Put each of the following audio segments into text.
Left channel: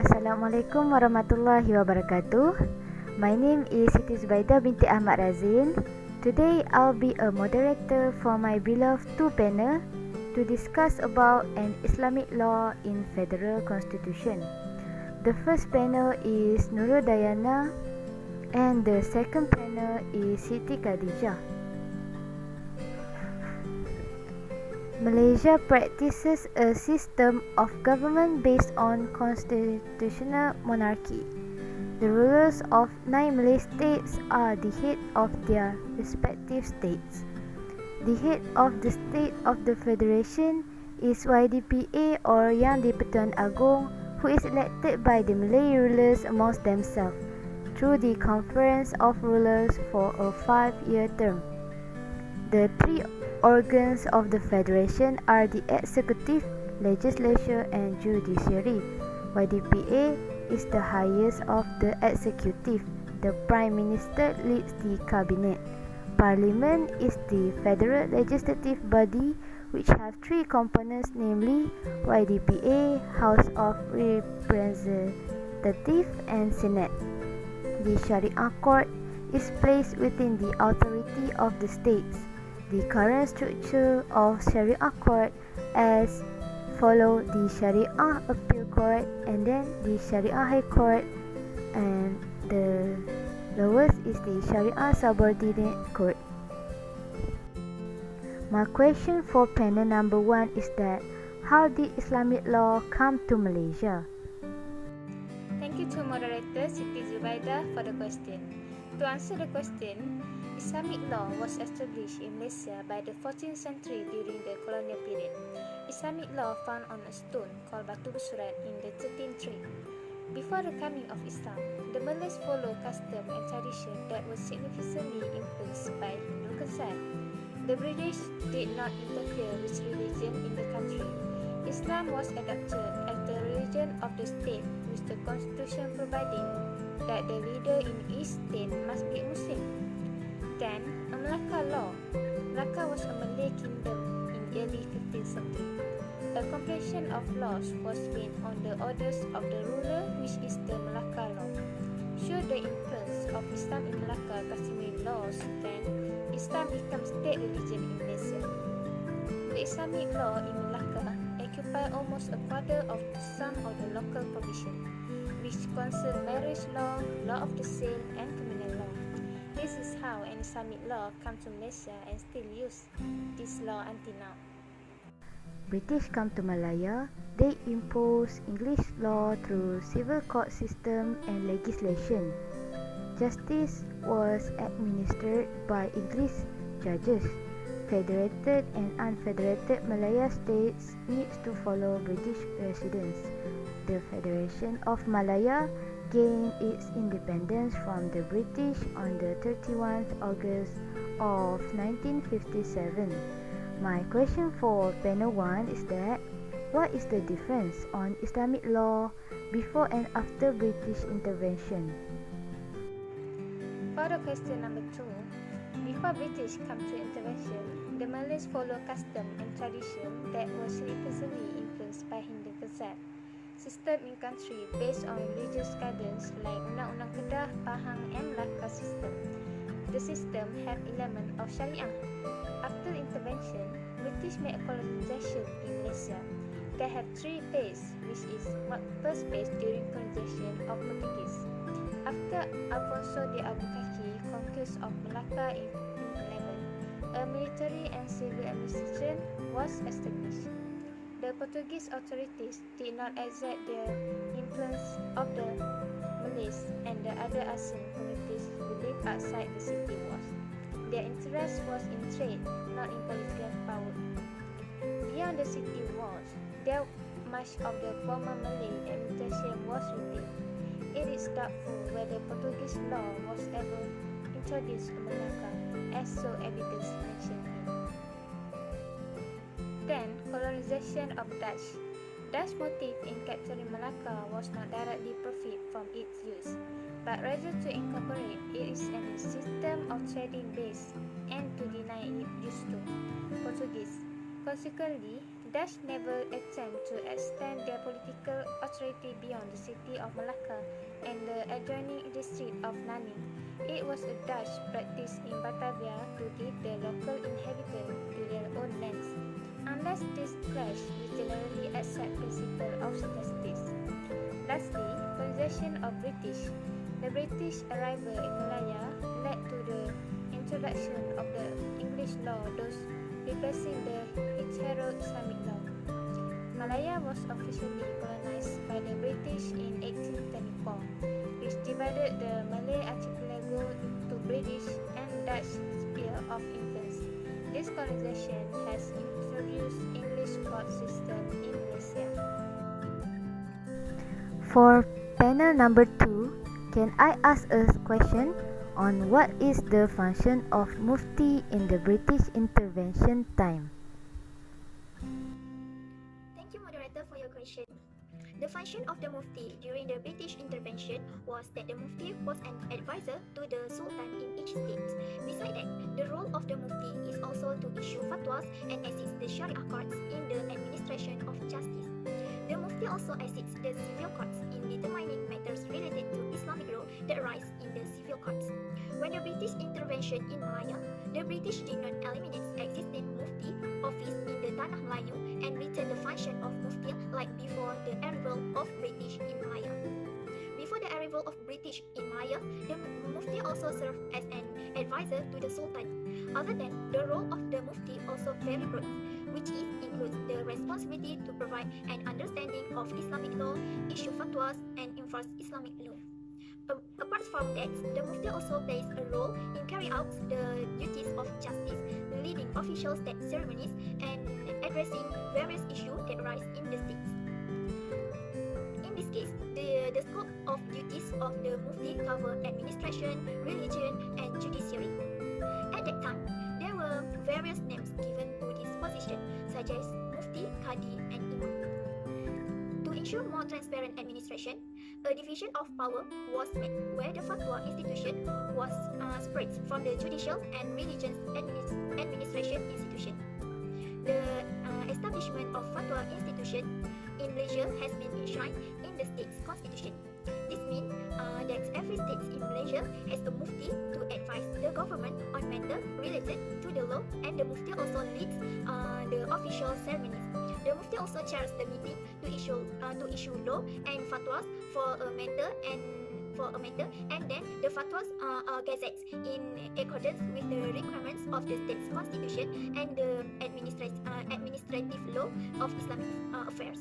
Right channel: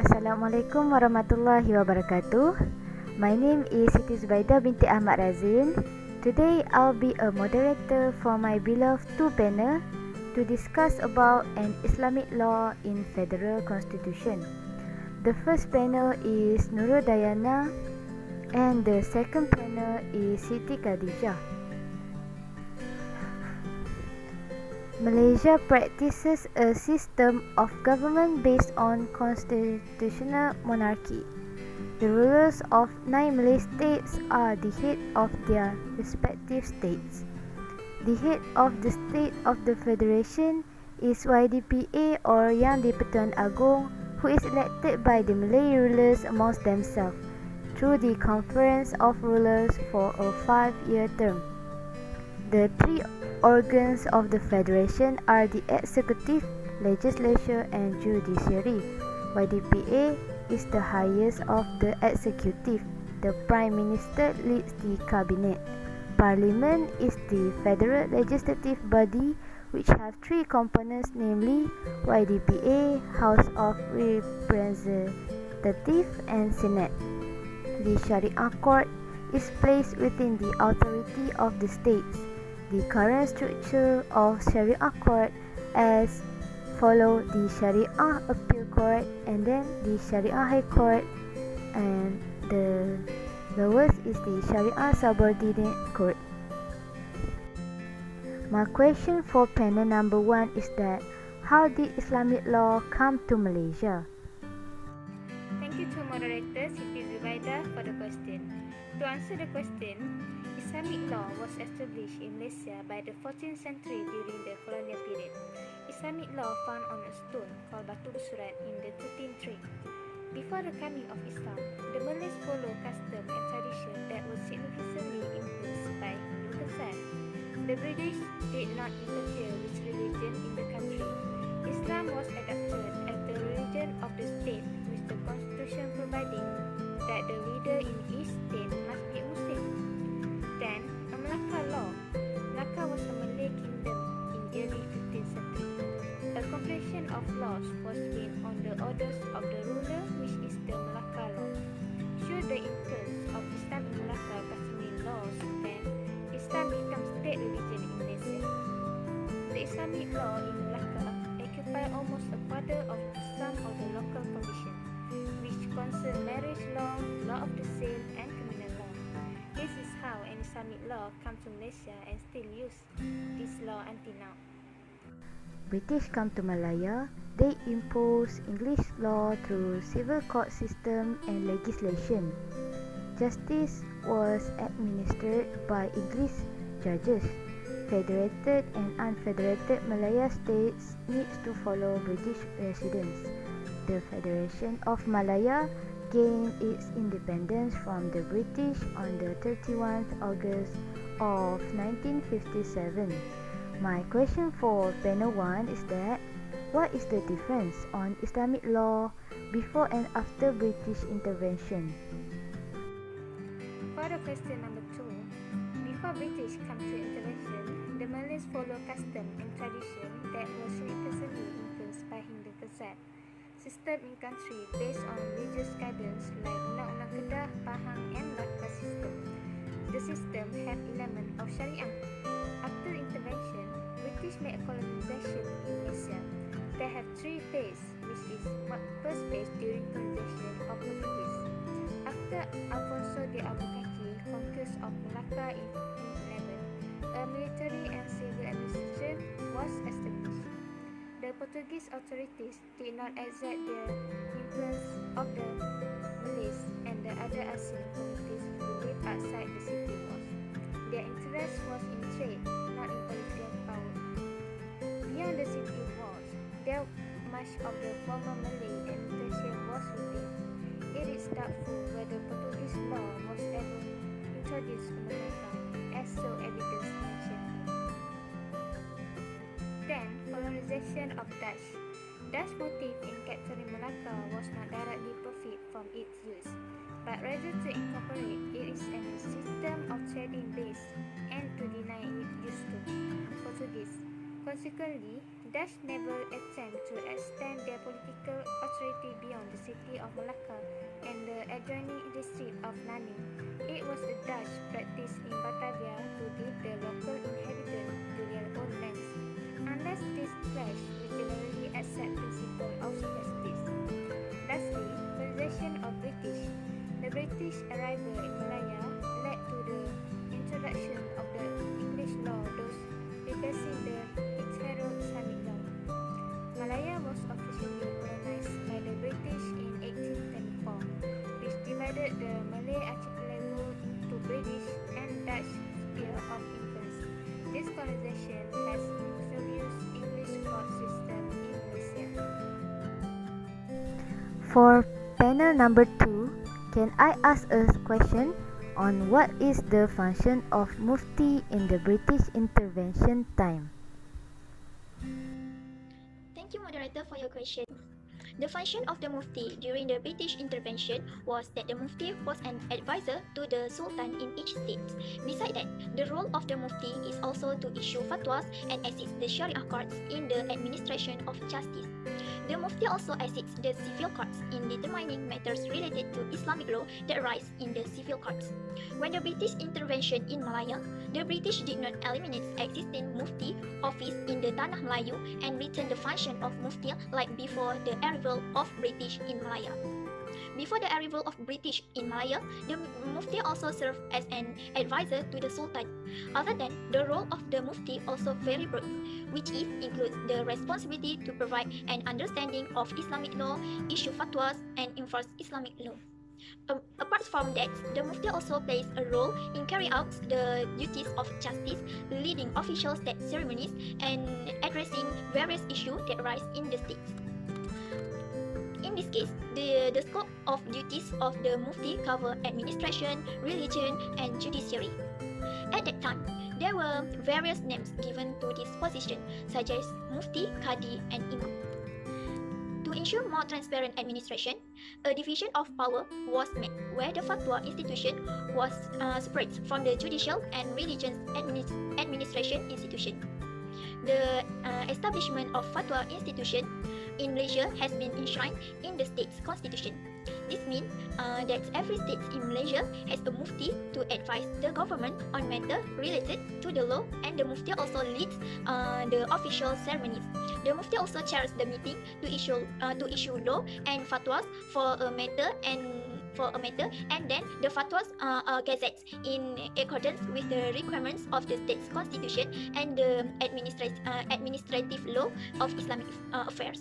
Assalamualaikum warahmatullahi wabarakatuh. My name is Siti Zubaida binti Ahmad Razin. Today I'll be a moderator for my beloved two panel to discuss about an Islamic law in Federal Constitution. The first panel is Nurul Dayana and the second panel is Siti Khadijah. Malaysia practices a system of government based on constitutional monarchy. The rulers of 9 Malay states are the head of their respective states. The head of the state of the federation is YDPA or Yang di-Pertuan Agong, who is elected by the Malay rulers amongst themselves through the Conference of Rulers for a 5-year term. The three organs of the federation are the executive, legislature and judiciary. YDPA is the highest of the executive. The Prime Minister leads the cabinet. Parliament is the federal legislative body which have three components, namely YDPA, House of Representatives and Senate. The Sharia Court is placed within the authority of the states. The current structure of Sharia Court as follow the Sharia Appeal Court and then the Sharia High Court, and the lowest is the Sharia Subordinate Court. My question for panel number 1 is that how did Islamic law come to Malaysia? Thank you to moderator Siti Zubaida for the question. To answer the question, Islamic law was established in Malaysia by the 14th century during the colonial period. Islamic law found on a stone called Batu Bersurat in the 13th tree. Before the coming of Islam, the Malays followed custom and tradition that was significantly influenced by Hindu concept. The British did not interfere with religion in the country. Islam was adopted as the religion of the state, with the constitution providing that the leader in each state must be a Muslim. Then, a Melaka law. Melaka was a Malay kingdom in early 15th century. A compilation of laws was made on the orders of the ruler, which is the Melaka law. Should the influence of Islam in Melaka customary laws, then Islam becomes state religion in Malaysia. The Islamic law in Melaka occupy almost a quarter of some of the local provision, which concern marriage law, law of the sale, and criminal law. This is how an Islamic law come to Malaysia and still use this law until now. British come to Malaya, they impose English law through civil court system and legislation. Justice was administered by English judges. Federated and unfederated Malaya states needs to follow British residents. The Federation of Malaya gained its independence from the British on the 31st August of 1957. My question for panel 1 is that what is the difference on Islamic law before and after British intervention? For the question number 2, before British come to intervention, the Malays follow custom and tradition that was significantly influenced by Hindu concept. System in country based on religious guidance like Undang-Undang Kedah, Pahang and Melaka system. The system have element of Sharia. After intervention, British made a colonization in Malaysia. They have three phases, which is first phase during colonization of Portuguese. After Alfonso de Albuquerque conquest of Melaka in 1511, a military and civil administration was established. The Portuguese authorities did not exert their influence of the Malays and the other ASEAN communities who lived outside the city walls. Their interest was in trade, not in political power. Beyond the city walls, there much of the former Malay administration was retained. It is doubtful whether Portuguese law was ever introduced to Melaka, as so evidence mentioned here. Then, colonization of Dutch. Dutch motive in capturing Melaka was not directly profit from its use, but rather to incorporate it is a system of trading base and to deny it use to Portuguese. Consequently, Dutch never attempt to extend their political authority beyond the city of Malacca and the adjoining district of Nanning. It was a Dutch practice in Batavia to leave the local inhabitants to their own lands, unless this clashed with generally accepted principle of justice. Lastly, colonization of British. The British arrival in Malaya led to the introduction of the English law, thus replacing the hitherto Islamic law. Malaya was officially colonized by the British in 1824, which divided the Malay archipelago into British and Dutch sphere of influence. This colonization has introduced English court system in Malaysia. For panel number 2, can I ask a question on what is the function of Mufti in the British intervention time? Thank you, moderator, for your question. The function of the Mufti during the British intervention was that the Mufti was an advisor to the Sultan in each state. Besides that, the role of the Mufti is also to issue fatwas and assist the Sharia courts in the administration of justice. The Mufti also assists the civil courts in determining matters related to Islamic law that arise in the civil courts. When the British intervention in Malaya, the British did not eliminate existing Mufti office in the Tanah Melayu and retain the function of Mufti like before the arrival of British in Malaya. Before the arrival of British in Malaya, the Mufti also served as an advisor to the Sultan. Other than the role of the Mufti also very broad, which includes the responsibility to provide an understanding of Islamic law, issue fatwas, and enforce Islamic law. Apart from that, the Mufti also plays a role in carrying out the duties of justice, leading official state ceremonies, and addressing various issues that arise in the state. In this case, the scope of duties of the Mufti cover administration, religion, and judiciary. At that time, there were various names given to this position, such as Mufti, Qadi, and Imam. To ensure more transparent administration, a division of power was made where the fatwa institution was separate from the judicial and religious administration institution. The establishment of fatwa institution in Malaysia has been enshrined in the state's constitution. This means that every state in Malaysia has a Mufti to advise the government on matters related to the law, and the Mufti also leads the official ceremonies. The Mufti also chairs the meeting to issue law and fatwas for a matter, and then the fatwas are gazetted in accordance with the requirements of the state's constitution and the administrative law of Islamic affairs.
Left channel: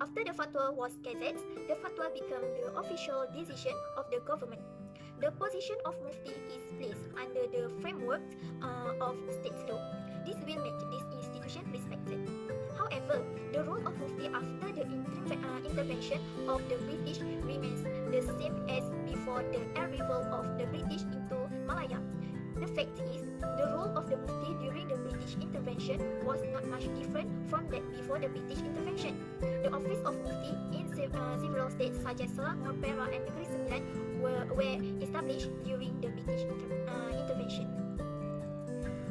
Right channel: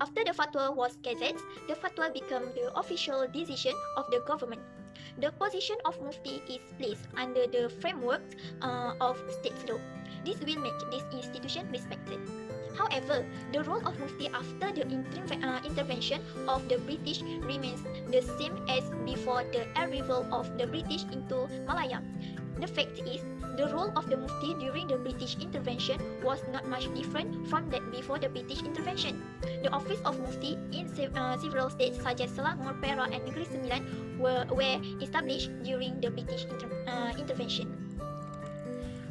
After the fatwa was gazetted, the fatwa became the official decision of the government. The position of Mufti is placed under the framework of state law. This will make this institution respected. However, the role of Mufti after the intervention of the British remains the same as before the arrival of the British into Malaya. The fact is, the role of the Mufti during the British intervention was not much different from that before the British intervention. The office of Mufti in several states such as Selangor, Perak, and Negeri Sembilan were established during the British intervention.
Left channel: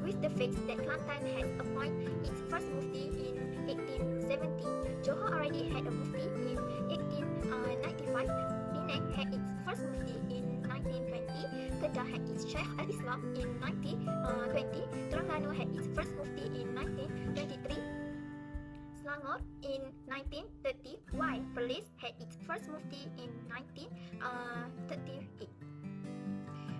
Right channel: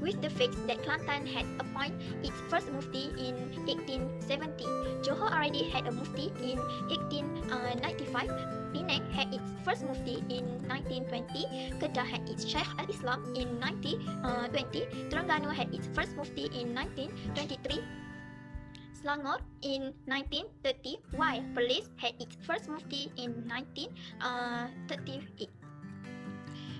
With the fact that Kelantan had appointed its first Mufti in 1870, Johor already had a Mufti in 1895, Penang had its first Mufti in 1920, Kedah had its Shaykh al-Islam in 1920, Terengganu had its first Mufti in 1923, Selangor in 1930, while Perlis had its first Mufti in 1938.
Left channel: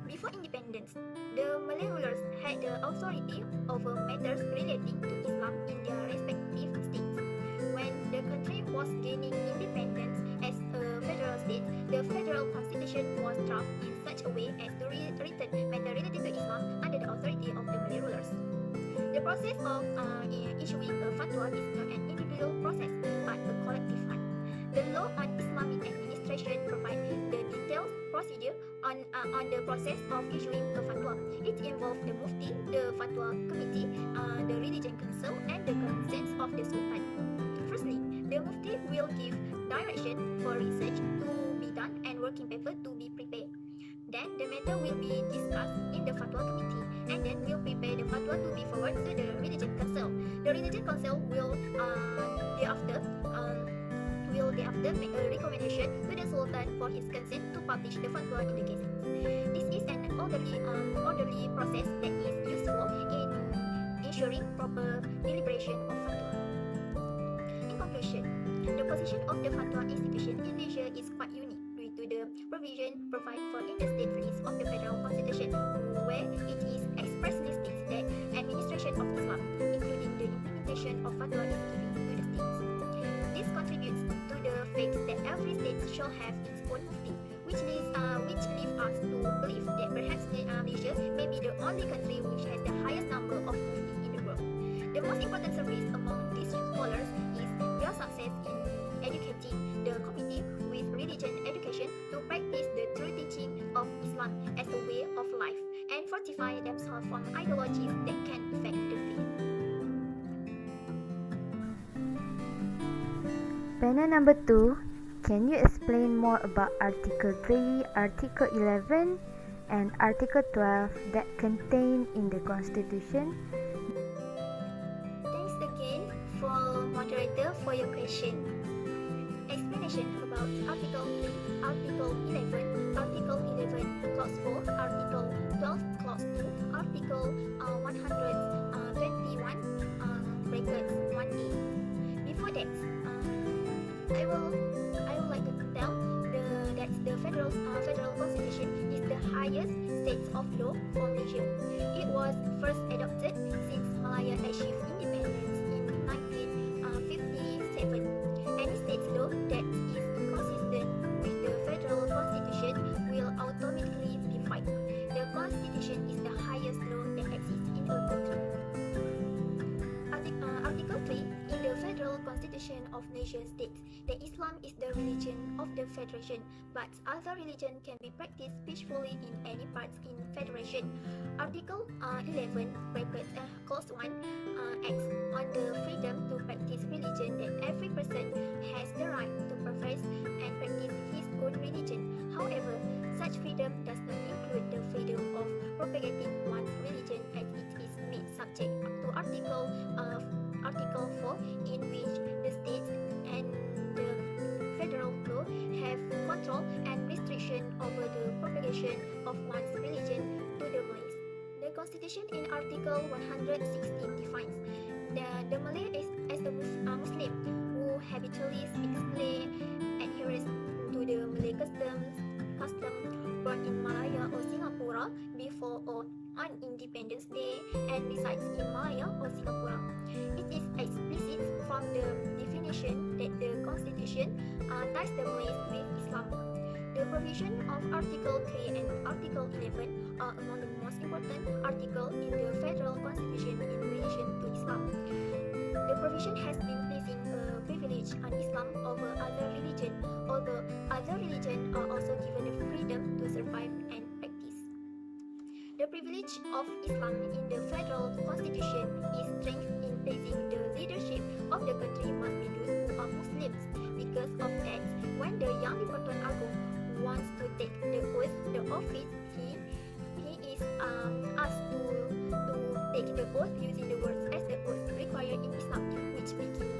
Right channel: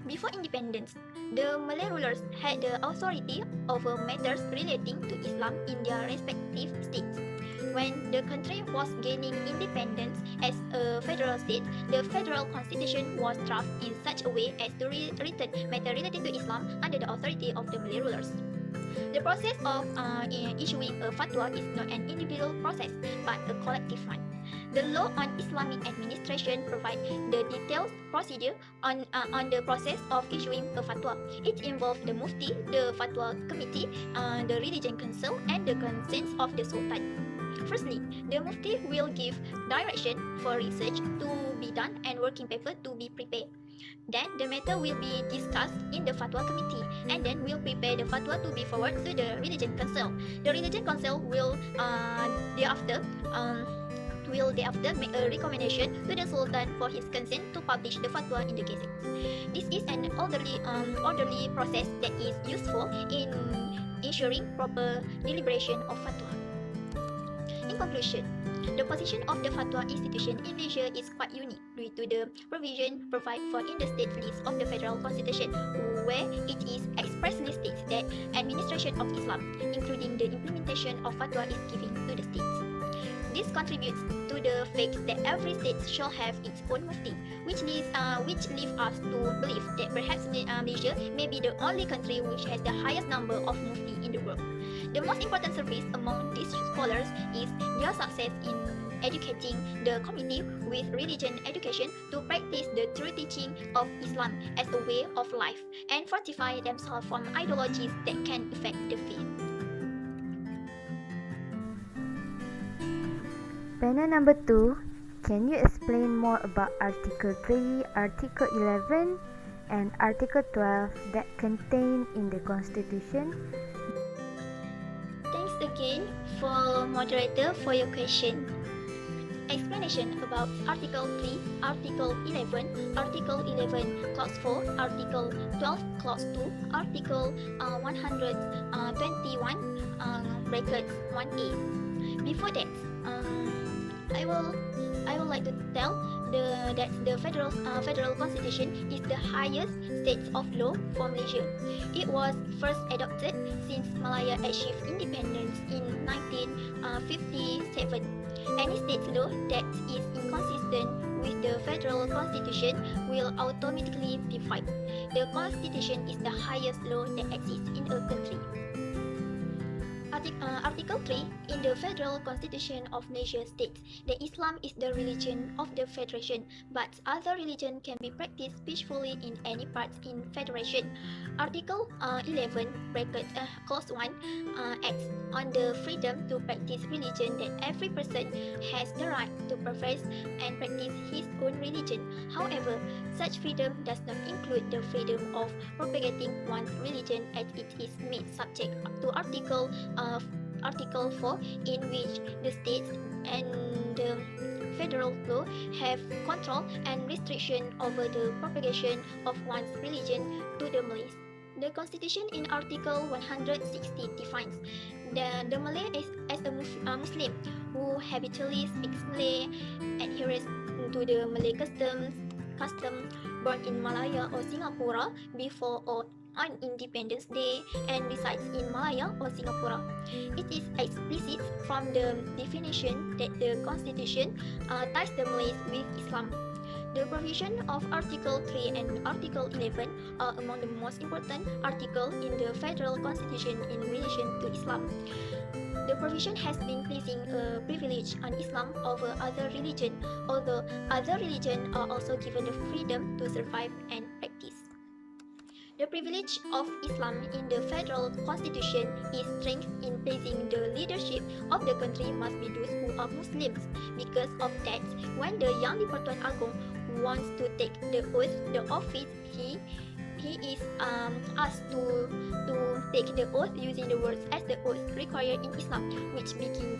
Before independence, the Malay rulers had the authority over matters relating to Islam in their respective states. When the country was gaining independence as a federal state, the federal constitution was drafted in such a way as to return matters related to Islam under the authority of the Malay rulers. The process of issuing a fatwa is not an individual process, but a collective one. The law on Islamic administration provides the detailed procedure on the process of issuing a fatwa. It involves the Mufti, the Fatwa Committee, the Religion Council, and the consent of the Sultan. Firstly, the Mufti will give direction for research to be done and working paper to be prepared. Then the matter will be discussed in the Fatwa Committee, and then will prepare the fatwa to be forwarded to the Religion Council. The Religion Council will thereafter make a recommendation to the Sultan for his consent to publish the fatwa in the Gazette. This is an orderly process that is useful in ensuring proper deliberation of fatwa. In conclusion, the position of the fatwa institution in Malaysia is quite unique due to the provision provided for in the state list of the Federal Constitution, where it is expressly states that administration of Islam, including the implementation of fatwa, is given to the states. This contributes to the fact that every state shall have its own mufti, which leads us to believe that perhaps Malaysia may be the only country which has the highest number of mufti in the world. The most important service among these scholars is their success in educating the community with religion education to practice the true teaching of Islam as a way of life and fortify themselves from ideologies that can affect the faith. Panel number 2. Can you explain more about Article 3, Article 11 and Article 12 that contained in the Constitution? Thanks again for moderator for your question. Explanation about Article 3, Article 11, Article 11 Clause 4, Article 12 Clause 2, Article 121 brackets 1A. Before that, I would like to tell that the federal constitution is the highest state of law for Malaysia. It was first adopted since Malaya achieved independence in 1957. Any state law that is inconsistent with the federal constitution will automatically be void. The constitution is the highest law that exists in a country. Article 3 in the Federal Constitution of Malaysia states that Islam is the religion of the Federation, but other religion can be practiced peacefully in any parts in Federation. Article 11 brackets clause 1 acts on the freedom to practice religion, that every person has the right to profess and practice his own religion. However, such freedom does not include the freedom of propagating one's religion, as it is made subject to Article 4, in which the states and the federal law have control and restriction over the propagation of one's religion to the Malays. The Constitution in Article 160 defines the Malay as a Muslim who habitually speaks Malay, adheres to the Malay custom, born in Malaya or Singapore before or on Independence Day, and resides in Malaya or Singapore. It is explicit from the definition that the Constitution ties the Malays with Islam. The provision of Article 3 and Article 11 are among the most important articles in the Federal Constitution in relation to Islam. The provision has been placing a privilege on Islam over other religions, although other religions are also given the freedom to survive and practice. The privilege of Islam in the Federal Constitution is strength in placing the leadership of the country must be those who are Muslims. Because of that, when the Yang di-Pertuan Agong wants to take the oath, the office, he is asked to take the oath using the words as the oath required in Islam, which begins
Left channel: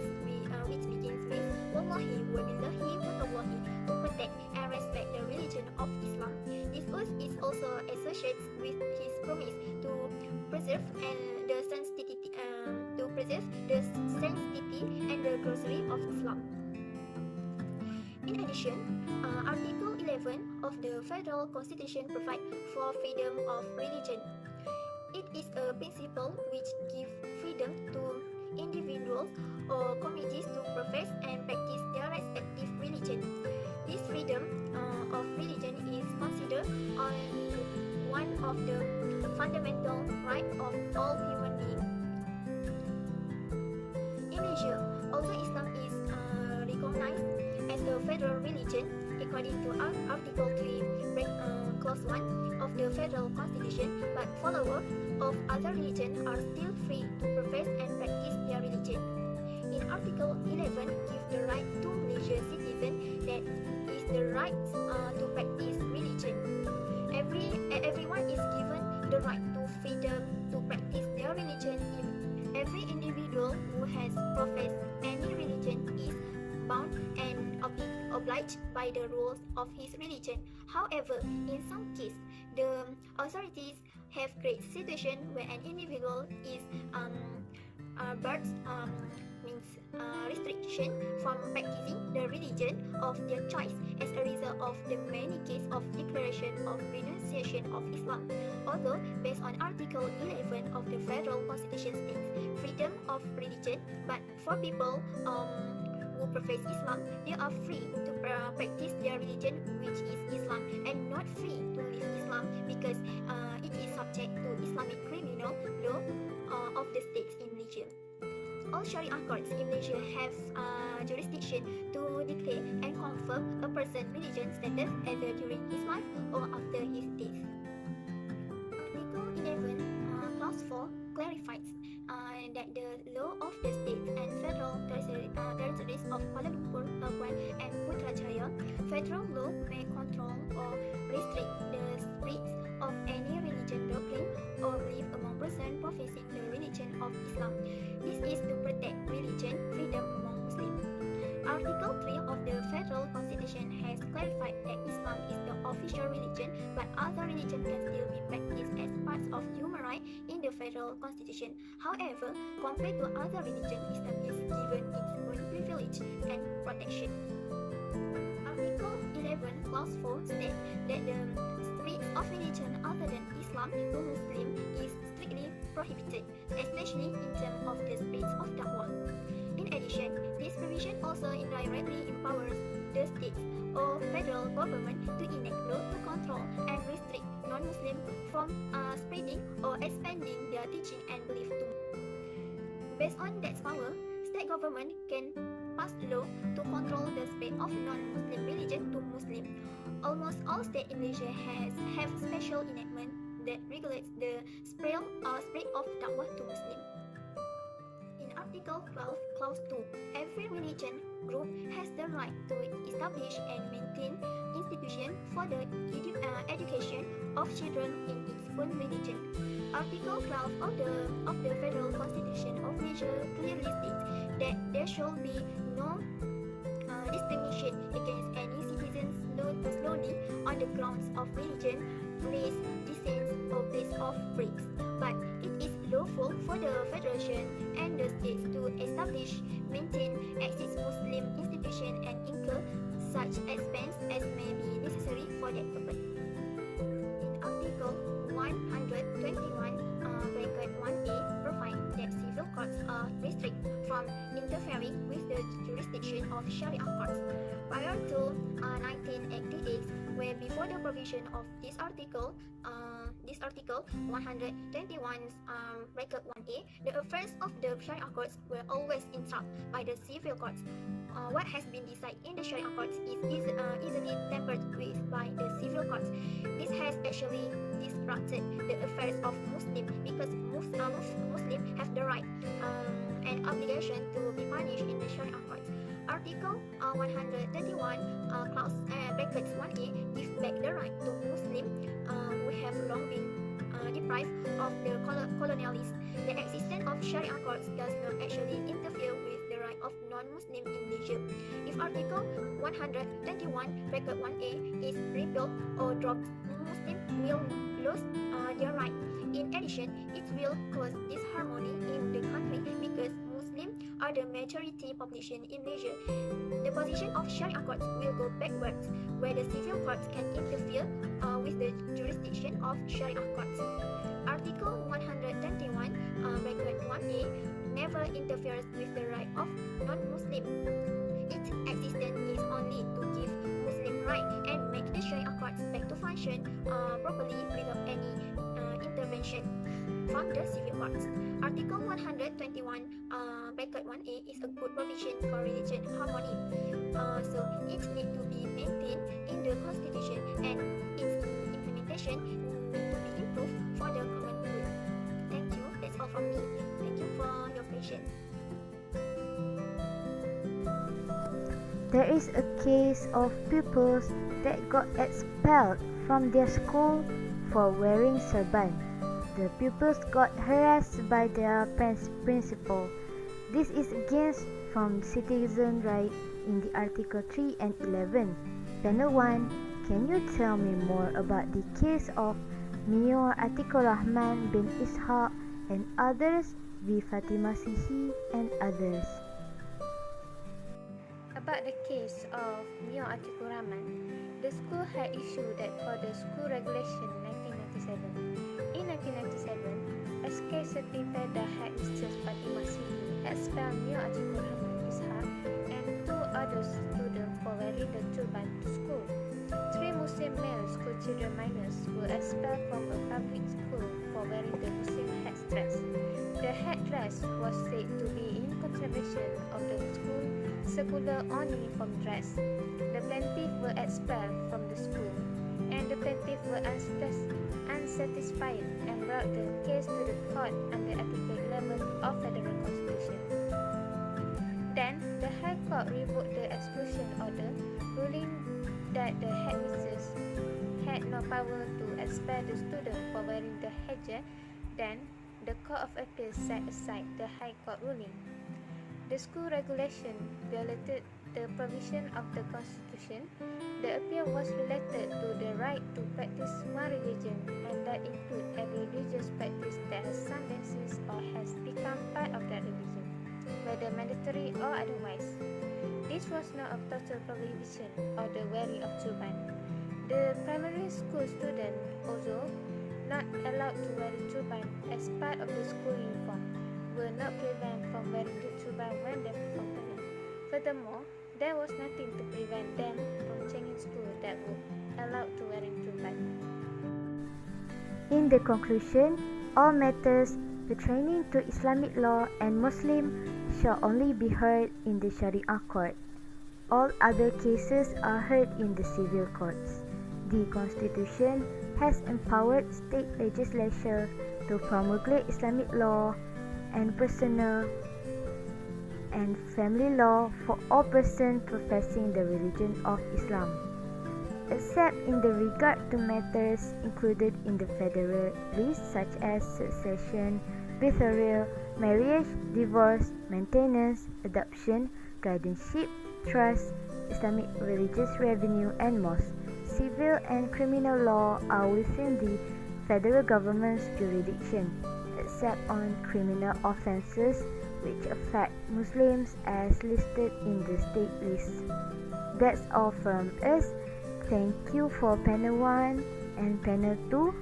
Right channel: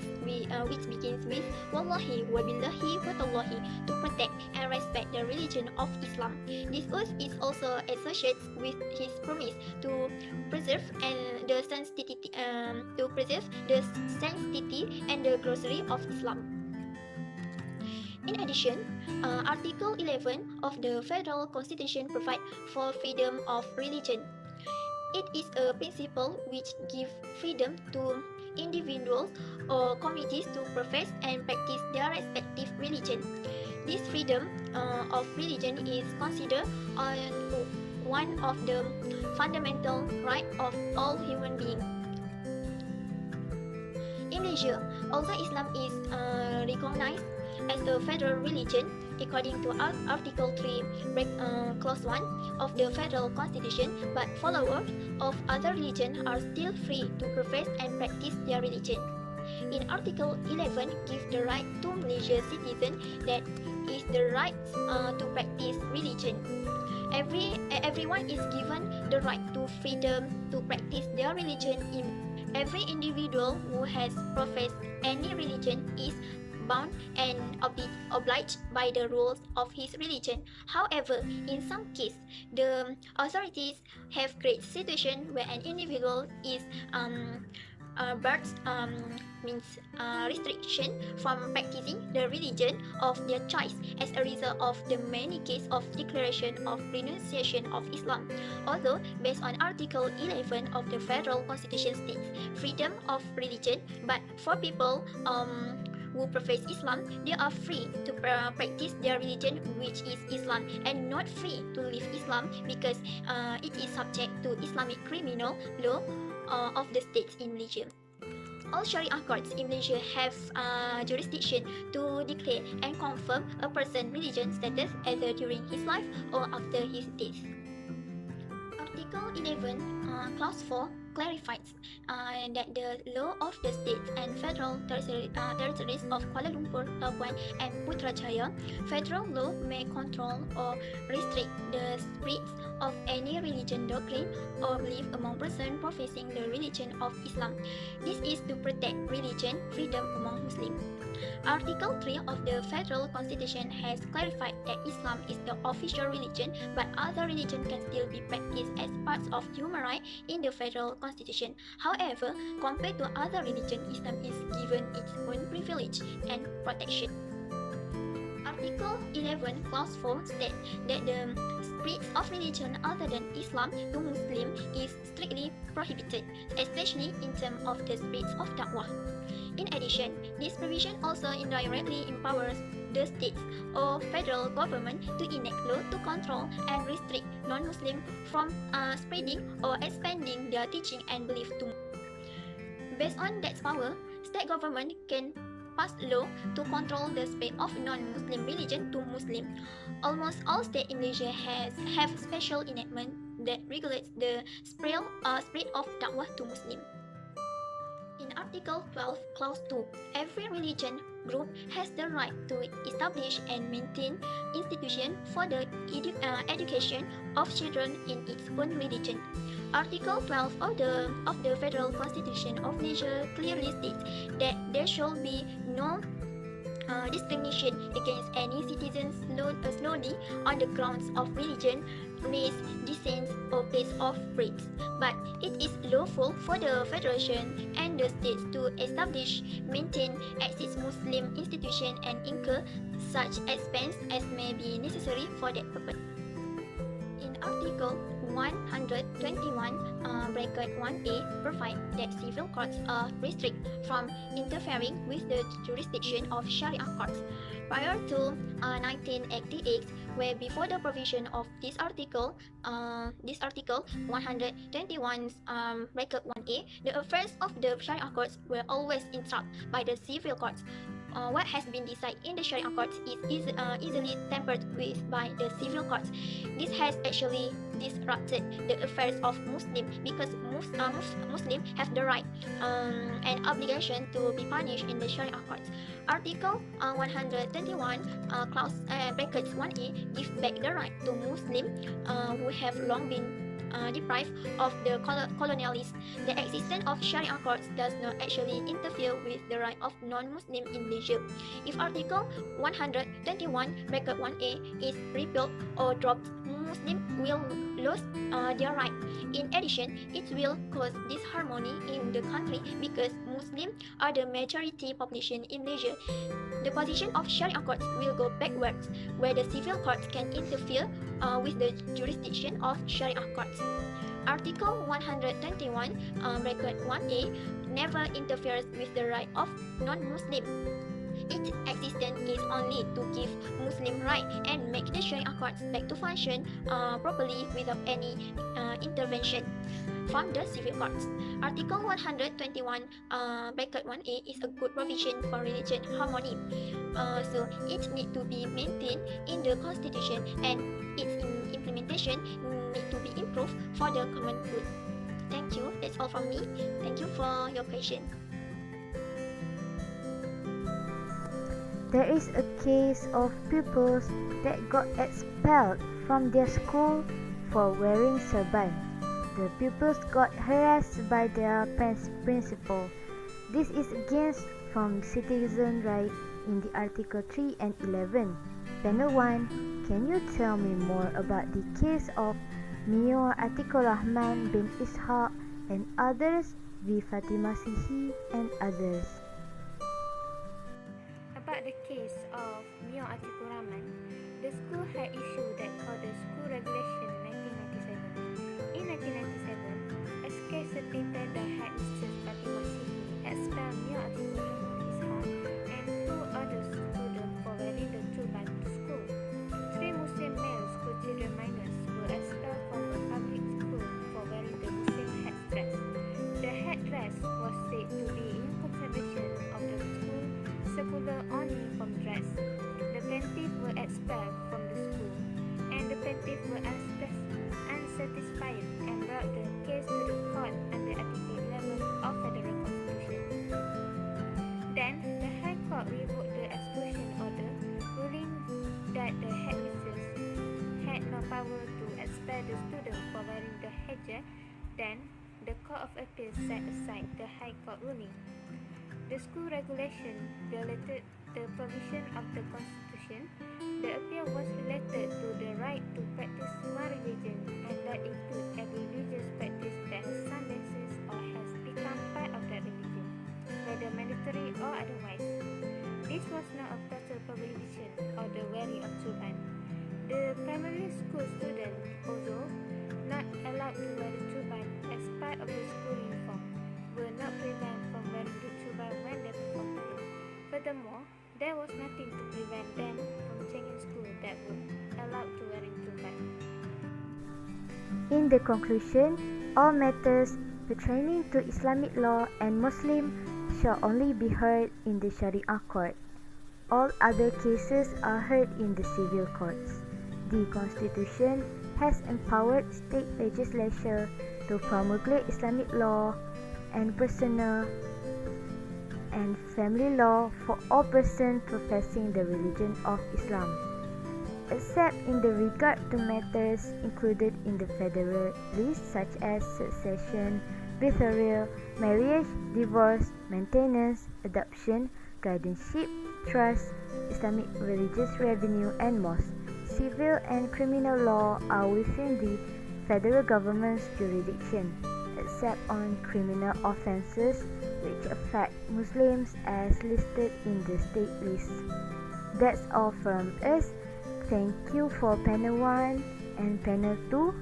with Wallahi wa billahi wa tallahi, to protect and respect the religion of Islam. This oath is also associated with his promise to preserve the sanctity and the glory of Islam. In addition, Article 11 of the Federal Constitution provides for freedom of religion. It is a principle which gives freedom to individuals or communities to profess and practice their respective religion. This freedom of religion is considered one of the fundamental rights of all human beings. In Malaysia, although Islam is recognized as a federal religion, according to Article 3, Clause 1 of the Federal Constitution, but followers of other religions are still free to profess and practice their religion. In Article 11, gives the right to Malaysian citizens, that is the right to practice religion. Everyone is given the right to freedom to practice their religion. Every individual who has professed any religion is bound and obliged by the rules of his religion. However, in some cases, the authorities have created situation where an individual is but means restriction from practicing the religion of their choice as a result of the many cases of declaration of renunciation of Islam. Although based on Article 11 of the Federal Constitution states freedom of religion, but for people who profess Islam, they are free to practice their religion, which is Islam, and not free to leave Islam because it is subject to Islamic criminal law of the states in Malaysia. All Sharia courts in Malaysia have jurisdiction to declare and confirm a person's religion status either during his life or after his death. Article 11, Clause 4 clarifies that the law of the states and federal territories of Kuala Lumpur, Labuan, and Putrajaya, federal law may control or restrict the spread of any religion, doctrine, or belief among persons professing the religion of Islam. This is to protect religion freedom among Muslims. Article 3 of the Federal Constitution has clarified that Islam is the official religion, but other religions can still be practiced as parts of human rights in the Federal Constitution. However, compared to other religions, Islam is given its own privilege and protection. Article 11, Clause 4 states that the spread of religion other than Islam to Muslim is strictly prohibited, especially in terms of the spread of da'wah. In addition, this provision also indirectly empowers the states or federal government to enact law to control and restrict non-Muslims from spreading or expanding their teaching and belief to. Based on that power, state government can pass law to control the spread of non-Muslim religion to Muslim. Almost all states in Malaysia have special enactment that regulates the spread of da'wah to Muslim. In Article 12, Clause 2, every religion group has the right to establish and maintain institutions for the education of children in its own religion. Article 12 of the Federal Constitution of Malaysia clearly states that there shall be no discrimination against any citizen solely on the grounds of religion, race, descent, or place of birth. But it is lawful for the Federation and the states to establish, maintain, exist Muslim institutions and incur such expense as may be necessary for that purpose. In Article 121, bracket 1A provide that civil courts are restricted from interfering with the jurisdiction of Sharia courts. Prior to 1988, where before the provision of this article 121 bracket 1A, the affairs of the Sharia courts were always interrupted by the civil courts. What has been decided in the Sharia courts is easily tampered with by the civil courts. This has actually disrupted the affairs of Muslims because Muslims have the right and obligation to be punished in the Sharia courts. Article 121 clause brackets 1A gives back the right to Muslims who have long been deprived of the colonialists. The existence of Sharia courts does not actually interfere with the right of non-Muslims in Malaysia. If Article 121 bracket 1A is repealed or dropped, Muslims will lose their right. In addition, it will cause disharmony in the country because Muslims are the majority population in Malaysia. The position of Sharia courts will go backwards, where the civil courts can interfere with the jurisdiction of Sharia courts. Article 121 bracket 1A never interferes with the right of non-Muslims. Its existence is only to give Muslim right and make the Sharia courts back to function properly without any intervention from the civil courts. Article 121 bracket 1A is a good provision for religion harmony. So it needs to be maintained in the constitution and its implementation need to be improved for the common good. Thank you. That's all from me. Thank you for your question. There is a case of pupils that got expelled from their school for wearing turban. The pupils got harassed by their principal. This is against from citizen right in the Article 3 and 11. Panel 1, can you tell me more about the case of Mayor Atikur Rahman bin Ishaq and others, V. Fatimah Sihi and others? About the case of Mayor Atikur Rahman, the school had issued that called the School Regulation 1997. In 1997, a case stated that headmistress Fatimah Sihi expelled Mayor Atikur Rahman Ishaq and two other students for wearing the turban to school. 3 Muslim male school children minors were expelled from a public school for wearing the Muslim headdress. The headdress was said to be in contravention of the school circular on uniform dress. The plaintiffs were expelled from the school, and the plaintiffs were unsatisfied and brought the case to the court under Article 11 of Federal Constitution. Then, the High Court revoked the expulsion order, ruling that the headmistress had no power to expel the student for wearing the hijab. Then, the Court of Appeal set aside the High Court ruling. The school regulation violated the provision of the Constitution. The appeal was related to the right to practice one religion, and that includes every religious practice that has some basis or has become part of that religion, whether mandatory or otherwise. This was not a total prohibition of the wearing of turban. The primary school student, although not allowed to wear the turban as part of the school uniform, were not prevented from wearing the turban when they performed prayer. Furthermore, there was nothing to prevent them from changing school that were allowed to wearing turban. In the conclusion, all matters pertaining to Islamic law and Muslim shall only be heard in the Sharia court. All other cases are heard in the civil courts. The Constitution has empowered state legislature to promulgate Islamic law and personal and family law for all persons professing the religion of Islam, except in the regard to matters included in the federal list such as succession, betrothal, marriage, divorce, maintenance, adoption, guardianship, trust, Islamic religious revenue, and mosque. Civil and criminal law are within the federal government's jurisdiction, except on criminal offences which affect Muslims as listed in the state list. That's all from us. Thank you for panel 1 and panel 2.